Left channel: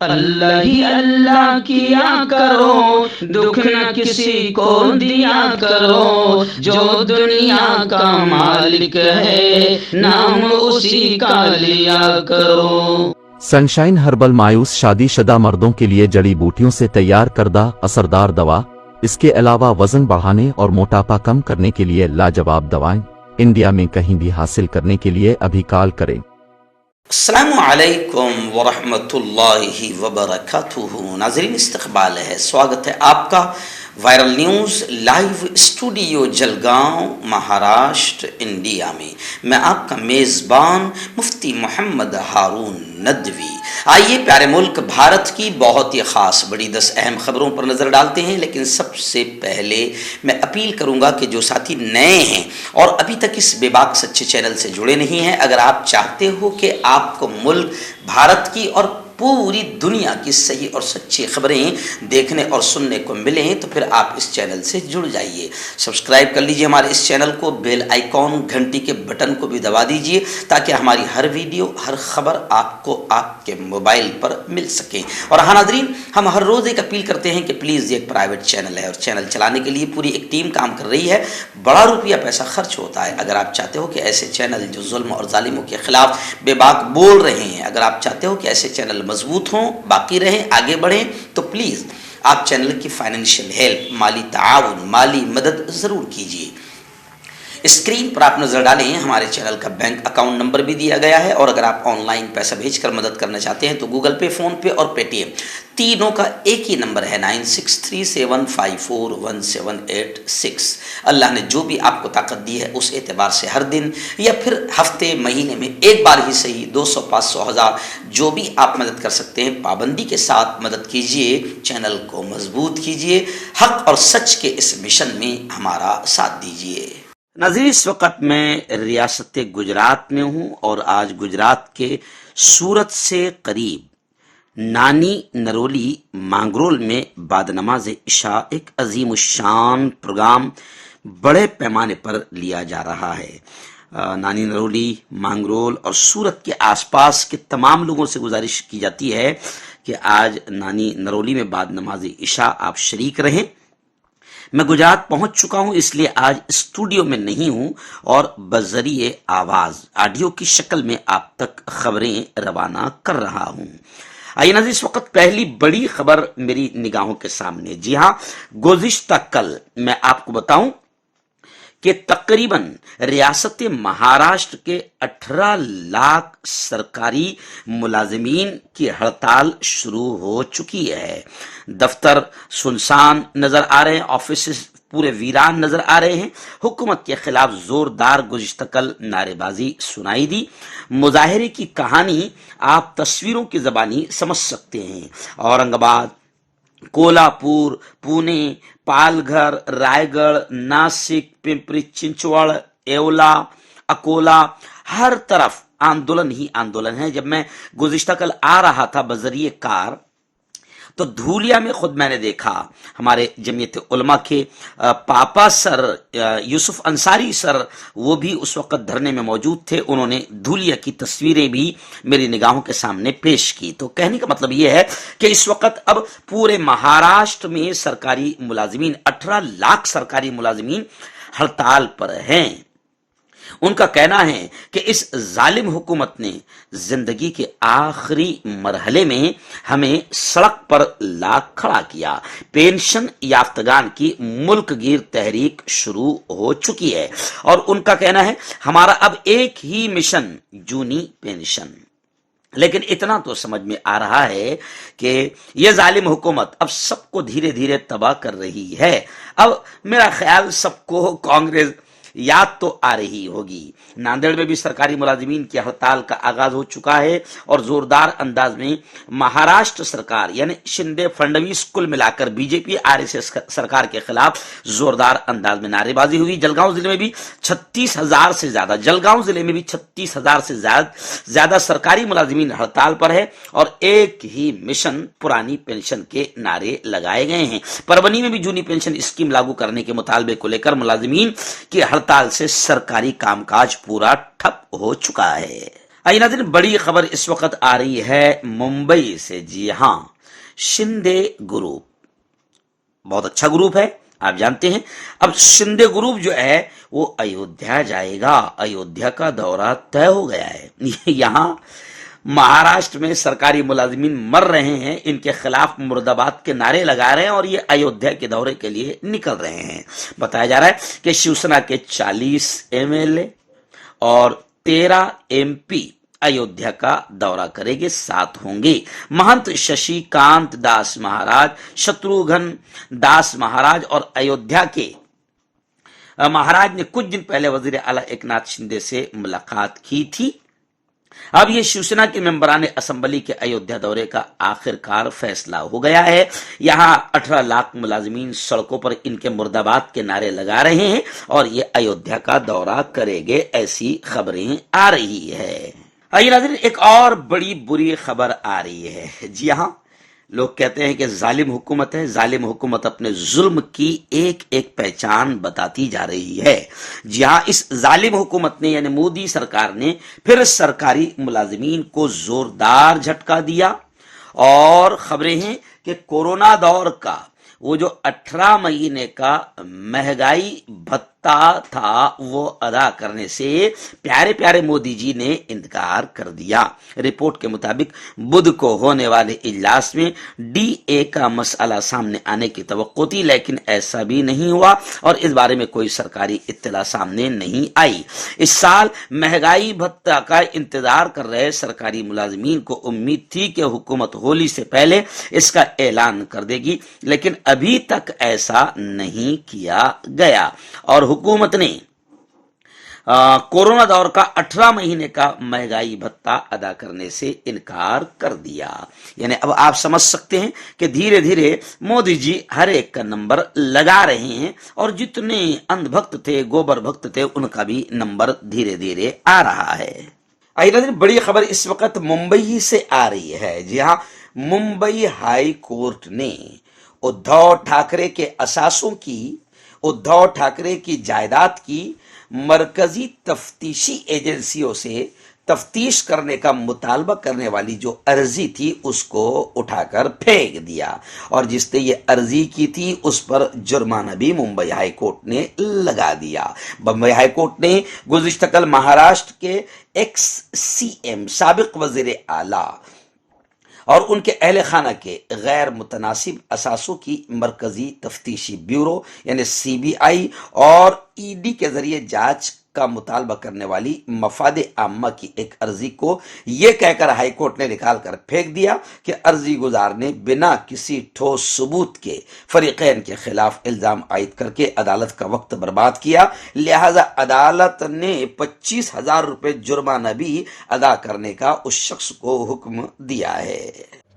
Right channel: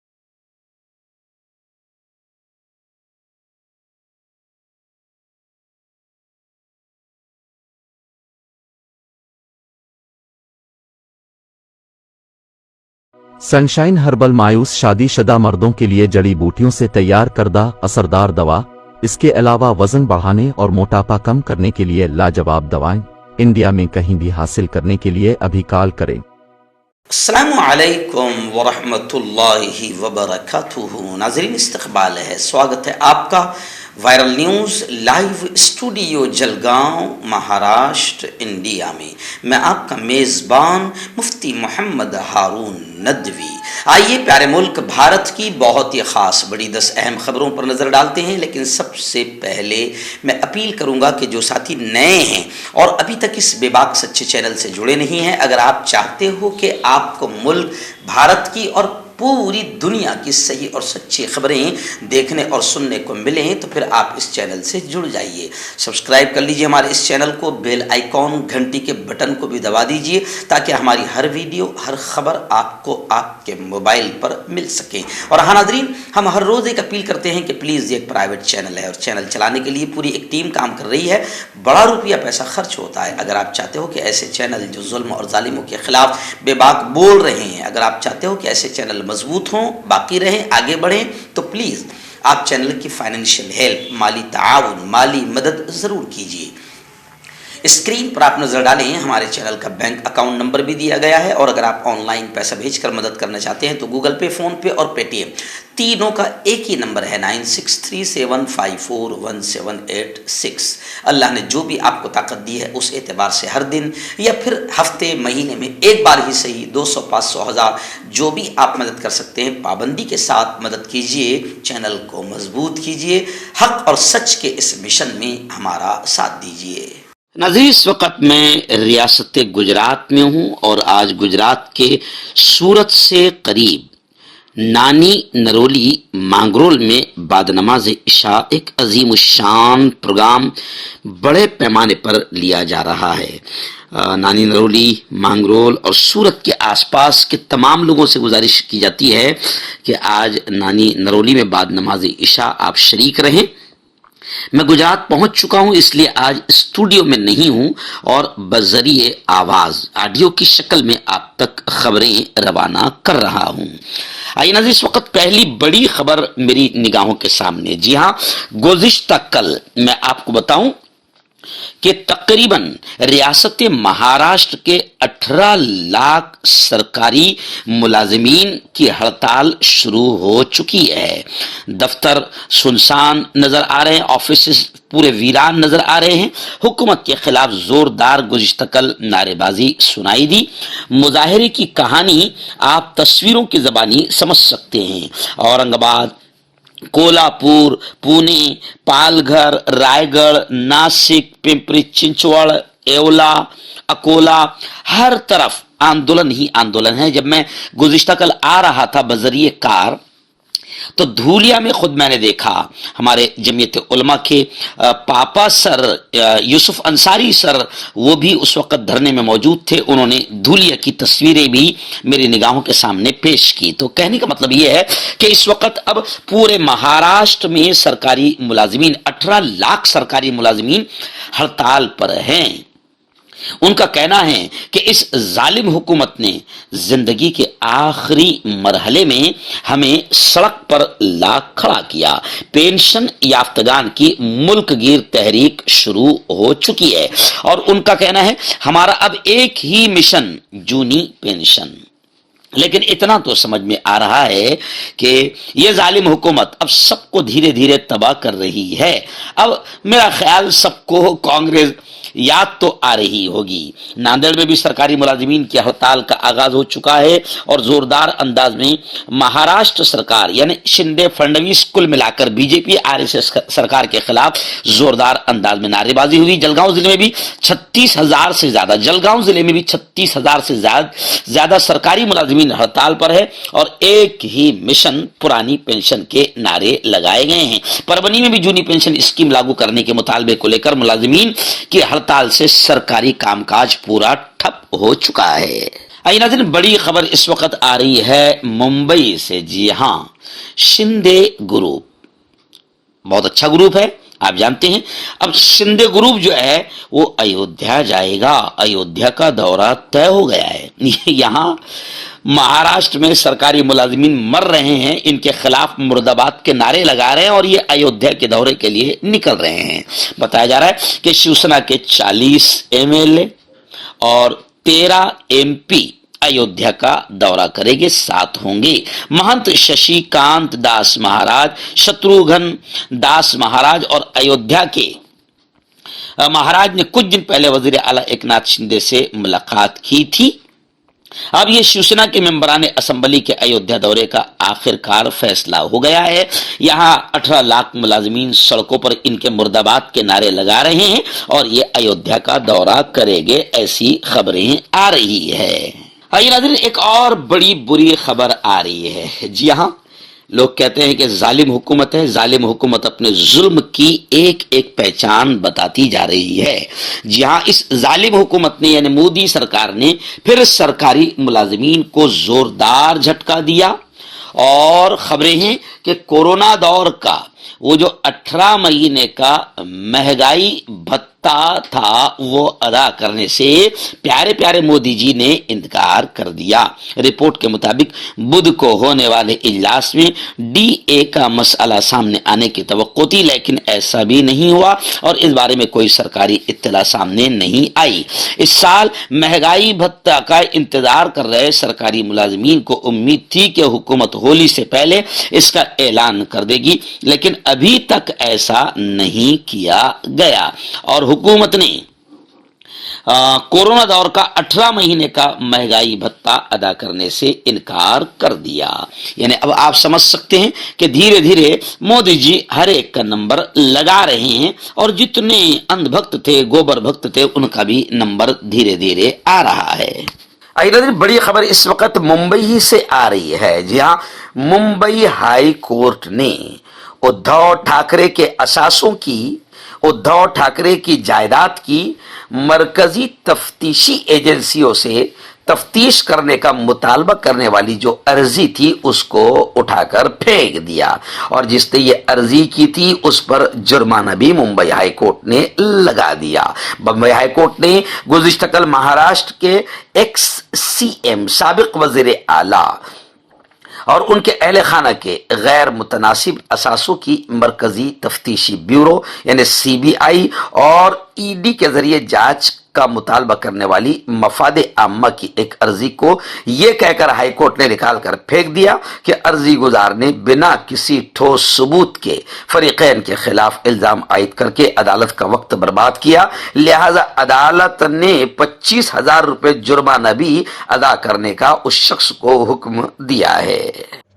اللہ ہی اللہ کیا کرو، دکھ نہ کسی کو دیا کرو، جو دنیا کا مالک ہے نام اسی کا لیا کرو۔ سنشائن ہربل مایوس شادی شدہ مردوں کے لیے جڑی بوٹیوں سے تیار کردہ اثردار دوا، اس کے علاوہ وزن بڑھانے اور موٹاپا کم کرنے کے لیے لاجواب دوائیں انڈیا میں کہیں بھی حاصل کرنے کے لیے ابھی کال کریں۔ السلام علیکم ورحمۃ اللہ وبرکاتہ۔ ناظرین، استقبال ہے، سواگت ہے آپ کا viral news live studio Jalgaon, Maharashtra, India میں۔ میں آپ کا میزبان مفتی محمد ہارون ندوی۔ آئیے پیارے ملک بھارت کی بہت ہی خاص بڑی 10 اہم خبروں پر نظر ڈالتے ہیں، لیکن سب سے پہلے میں اپیل کروں گا کہ جو ساتھی نئے ہیں اور ابھی تک اس بے باک سچے چینل سے جڑے نہیں ہیں، اگر آپ چاہتے ہو کہ آپ کو ملک بھارت کی اور پوری دنیا کی صحیح اور سچی خبریں دیکھنے اور سننے کو ملیں تو پھر آپ اس چینل سے جڑ جائیے۔ سبسکرائب کر لیجئے ہمارے اس چینل کو، بیل آئیکن گھنٹی کے بٹن کو بھی دبا دیجئے تاکہ ہماری ہر ویڈیو، ہر خبر آپ کو آپ کے موبائل پر مل سکے۔ اور ہاں ناظرین، ہم ہر روز ایک اپیل کرتے ہیں کہ پلیز یہ ایک پرائیویٹ چینل ہے اور چینل چلانے کے لیے پوری ایک ٹیم کام کر رہی ہے، بڑا روپیہ پیسہ خرچ ہوتا ہے۔ اگر آپ چاہتے ہو کہ ایسے چینل جو ظلم اور ظالموں کے خلاف بے باک بول رہے ہیں، اگر آپ چاہتے ہو کہ ایسے چینل مضبوط ہوں، باقی رہیں، آگے بڑھیں، تو پلیز آپ چینل کی فائنینشیل ہیلپ، مالی تعاون، مالی مدد ضرور کیجیے۔ اسکرین پر آپ نظر ڈالیں، ہمارے چینل کا بینک اکاؤنٹ نمبر بھی دیا گیا ہے، اور اگر آپ آن لائن پیسہ بھیج کر مدد کرنا چاہتے ہیں تو گوگل پے، فون پے اور پے ٹی ایم تینوں کا ایک ہی نمبر ہے 9637541786۔ اللہ نے جو بھی آپ کو طاقت دی ہے اس اعتبار سے ہر دن یا پھر ہفتے، مہینے میں ایک بار ہی صحیح 200، 500، 1000 جو بھی آپ مدد کر سکتے ہیں پابندی کے ساتھ مدد کیجیے، چینل کو مضبوط کیجیے، حق اور سچ کے اس مشن میں ہمارا ساتھ دیجیے۔ ناظرین، اس وقت میں ریاست گجرات میں ہوں اور آج گجرات کے سورت سے قریب نانی نرولی مانگرول میں بعد نماز عشاء ایک عظیم الشان پروگرام بڑے پیمانے پر لیا جا رہا ہے۔ نانی نرولی، مانگرول اور سورت کے آس پاس کے تمام لوگوں سے گزارش کی جاتی ہے کہ آج نانی نرولی میں بعد نماز عشاء آپ شریک رہیں۔ میں گجرات پہنچ چکا ہوں، اس لیے آج اسٹوڈیو میں نہیں ہوں اور بذریعے آواز آڈیو کی شکل میں آپ تک خبریں روانہ کر رہا ہوں۔ آئیے ناظرین، اس وقت پہلی بڑی خبر میری نگاہوں کے سامنے۔ جی ہاں، گزشتہ کل میں آپ کو بتاؤں کہ تقریباً ریاست مہاراشٹر کے 18 لاکھ سرکاری ملازمین کی ہڑتال شروع ہو چکی ہے۔ دفتر سنسان نظر آ رہے ہیں، آفیسز پورے ویران نظر آ رہے ہیں۔ حکومت کے خلاف زوردار گزشتہ کل نعرے بازی سنائی دی۔ مظاہرے کی کہانی آپ تصویروں کی زبانی سمجھ سکتے ہیں۔ اورنگ آباد، کولہاپور، پونے، پال گھر، رائے گڑھ، ناسک، پمپری چنچوڑ، ایولا، اکولا، ہر طرف آندولن ہی آندولن ہے۔ جب میں گزشتہ کل آ رہا تھا بذریعہ کار تو دھولیا میں خود میں نے دیکھا ہمارے جمعیت علماء کے پاپا سر یوسف انصاری سر، وہ بھی اس وقت دھرنے میں موجود تھے۔ انہوں نے دھولیا کی تصویریں بھی میری نگاہوں کے سامنے پیش کی۔ تو کہنے کا مطلب یہ ہے کہ اس وقت اب پورے مہاراشٹر میں سرکاری ملازمین، 18 لاکھ سرکاری ملازمین ہڑتال پر ہیں۔ ان کا کہنا ہے کہ اس ظالم حکومت نے زندگی کے آخری مرحلے میں ہمیں سڑک پر لا کھڑا کیا۔ پینشن یافتگان کی ملک گیر تحریک شروع ہو چکی ہے اور ان کا کہنا ہے ہمارا اب ایک ہی مشن، جونی پینشن۔ لیکن اتنا تو سمجھ میں آ رہا ہے کہ یہ ظالم حکومت اب سب کو دھیرے دھیرے تباہ کر رہی ہے۔ اب میرا خیال سب کو کانگریس یاد تو آ رہی ہوگی۔ ناندیڑ میں بھی سرکاری ملازمین کی ہڑتال کا آغاز ہو چکا ہے اور زوردار انداز میں مہاراشٹر سرکار یعنی شندے فڈنویس کل ملا کر B J P R S S سرکار کے خلاف زوردار انداز میں نعرے بازی ہوئی۔ جلگاؤں ضلع میں بھی 36,000 سے زیادہ جلگاؤں ضلع میں بھی 36,000 سے زیادہ سرکاری ملازمین ہڑتال پر ہے اور ایک ہی مشن، پرانی پینشن کے نعرے لگائے گئے ہیں۔ پربنی میں بھی جونی پینشن اسکیم لاگو کرنے کے مطالبے کو لے کر ملازمین کی ہڑتال سے سرکاری کام کاج پورا ٹھپ ہو چکا ہے۔ آئیے ناظرین، بڑی خبر اس وقت آ رہی ہے ممبئی سے۔ جی ہاں، شندے گروپ بہت اچھا گروپ ہے، آپ جانتے ہیں۔ اب شندے گروپ جو ہے وہ ایودھیا جائے گا، ایودھیا کا دورہ طے ہو گیا ہے۔ یہاں مہاراشٹر میں سرکاری ملازمین مر رہے ہیں، ان کے خلاف مرد آباد کے نعرے لگا رہے ہیں اور یہ ایودھیا کے دورے کے لیے نکل رہے ہیں۔ بتایا جا رہا ہے کہ شیو سینا کے 40 MLA اور 13 MP ایودھیا کا دورہ کرے گے، 7 ہوں گے۔ مہنت ششی کانت داس مہاراج، شتروگھن داس مہاراج اور ایودھیا کے مہاراج نے کچھ دن پہلے وزیر اعلیٰ ایک ناتھ شندے سے ملاقات کی تھی۔ اب یہ شیو سینا کے ممبران اسمبلی کے ایودھیا دورے کا آخر کار فیصلہ ہو گیا ہے۔ یہاں 18 لاکھ ملازمین سڑکوں پر ان کے مرد آباد کے نعرے لگا رہے ہیں اور یہ ایودھیا کا دورہ کریں گے، ایسی خبریں آ رہی ہے۔ آئیے ناظرین، ایک اور بڑی بری خبر آ رہی ہے۔ جی ہاں، لوگ کہتے ہیں کہ ظالم حکومت ہے، ظالم حکومت اپنے ظلم کی ایک ایک پہچان بتاتی جا رہی ہے۔ جی ہاں، اس ظالم حکومت نے یعنی مودی سرکار نے پھر سرکاری ملازمین کو زوردار جھٹکا دیا، اور خبریں ہیں کہ کورونا دور کا وہ جو 18 مہینے کا مہنگائی بھتہ تھا وہ ادا کرنے سے پیارے پیارے مودی جی نے انکار کر دیا۔ رپورٹ کے مطابق بدھ کو ہونے والے اجلاس میں DA کا مسئلہ سامنے آنے کی توقع تھی، لیکن ایسا بھی نہیں ہوا اور اس بارے میں کوئی سرکاری اطلاع سامنے نہیں آئی۔ اس سال مہنگائی بھتہ کا انتظار کر رہے سرکاری ملازمین کو امید تھی کہ حکومت ہولی سے پہلے اس کا اعلان کر دے گی، لیکن ابھی تک ایسا نہیں کیا گیا اور حکومت نے کورونا دور کا 18 مہینے کا مہنگائی بھتہ ادا کرنے سے انکار کر دیا۔ یعنی اب آپ سمجھ سکتے ہیں کہ دھیرے دھیرے مودی جی ہر ایک کا نمبر لگا رہے ہیں اور جتنے اندھ بھکت تھے، گوبر بھکت تھے، ان کا بھی نمبر دھیرے دھیرے آ رہا ہے۔ آئیے بڑی خبر اس وقت ممبئی سے آ رہی ہے۔ جی ہاں، ممبئی ہائی کورٹ نے ادھو ٹھاکرے کے اثاثوں کی، ادھو ٹھاکرے کی جائیداد کی مرکزی تفتیشی ایجنسیوں سے تفتیش کرنے کا مطالبہ کرنے والی جو عرضی تھی اس کو اٹھا کر پھینک دیا، اور جس نے یہ عرضی کی تھی اس پر جرمانہ بھی ممبئی ہائی کورٹ نے لگا دیا۔ بمبئی ہائی کورٹ نے گزشتہ کل مہاراشٹر کے ایکس CM سابق وزیر اعلیٰ اور ان کے اہل خانہ کے غیر متناسب اثاثوں کی مرکزی تفتیشی بیورو یعنی CBI اور ED کے ذریعے جانچ کا مطالبہ کرنے والی مفاد عامہ کی ایک عرضی کو یہ کہہ کر ہائی کورٹ نے نکال کر پھینک دیا کہ عرضی گزار نے بنا کسی ٹھوس ثبوت کے فریقین کے خلاف الزام عائد کر کے عدالت کا وقت برباد کیا، لہذا عدالت نے 25,000 روپے جرمانہ بھی ادا کرنے کا اس شخص کو حکم دیا ہے۔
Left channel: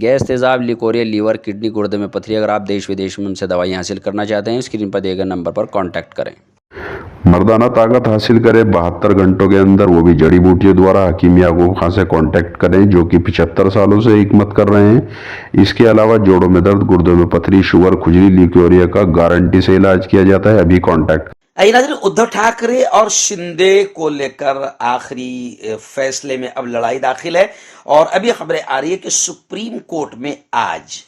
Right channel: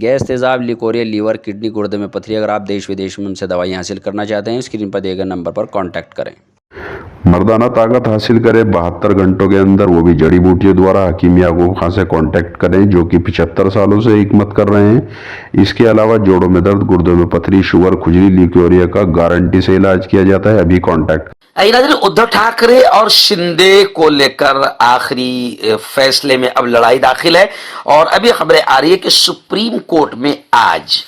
گیس، تیزاب، لیکوریا، لیور، کڈنی، گردے میں پتھری۔ اگر آپ دیش ودیش میں ان سے دوائی حاصل کرنا چاہتے ہیں اسکرین پر دیے گئے نمبر پر کانٹیکٹ کریں۔ مردانہ طاقت حاصل کرے 72 گھنٹوں کے اندر، وہ بھی جڑی بوٹیوں دوارا، حکیم یعقوب خان سے کانٹیکٹ کریں جو کہ 75 سالوں سے حکمت کر رہے ہیں۔ اس کے علاوہ جوڑوں میں درد، گردوں میں پتھری، شوگر، کھجلی، لیکوریا کا گارنٹی سے علاج کیا جاتا ہے۔ ابھی کانٹیکٹ۔ ادھو ٹھاکرے اور شندے کو لے کر آخری فیصلے میں اب لڑائی داخل ہے، اور ابھی خبریں آ رہی ہے کہ سپریم کورٹ میں آج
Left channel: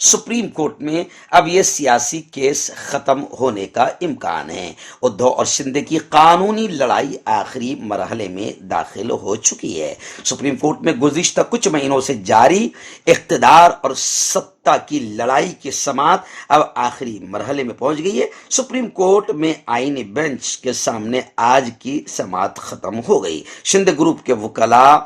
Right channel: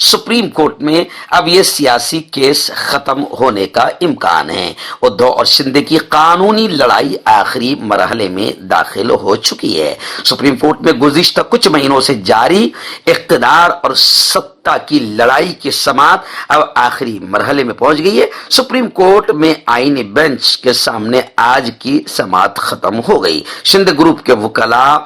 سپریم کورٹ میں اب یہ سیاسی کیس ختم ہونے کا امکان ہے۔ ادھو اور شندے کی قانونی لڑائی آخری مرحلے میں داخل ہو چکی ہے۔ سپریم کورٹ میں گزشتہ کچھ مہینوں سے جاری اقتدار اور سطح کی لڑائی کی سماعت اب آخری مرحلے میں پہنچ گئی ہے۔ سپریم کورٹ میں آئینی بینچ کے سامنے آج کی سماعت ختم ہو گئی۔ شندے گروپ کے وکلاء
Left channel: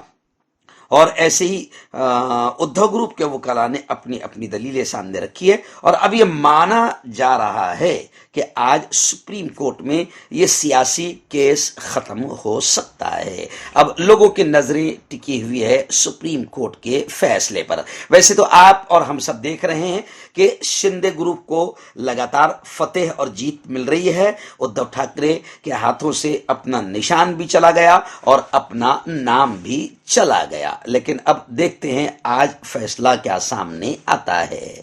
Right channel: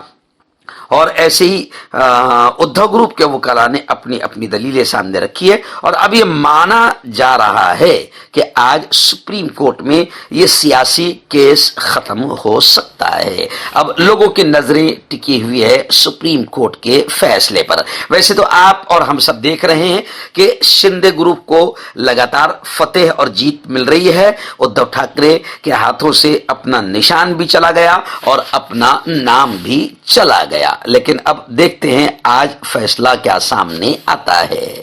اور ایسے ہی ادھو گروپ کے وکلاء نے اپنی اپنی دلیلیں سامنے رکھی ہے، اور اب یہ مانا جا رہا ہے کہ آج سپریم کورٹ میں یہ سیاسی کیس ختم ہو سکتا ہے۔ اب لوگوں کی نظریں ٹکی ہوئی ہے سپریم کورٹ کے فیصلے پر۔ ویسے تو آپ اور ہم سب دیکھ رہے ہیں کہ شندے گروپ کو لگاتار فتح اور جیت مل رہی ہے۔ ادھو ٹھاکرے کے ہاتھوں سے اپنا نشان بھی چلا گیا اور اپنا نام بھی چلا گیا، لیکن اب دیکھتے ہیں آج فیصلہ کیا سامنے آتا ہے۔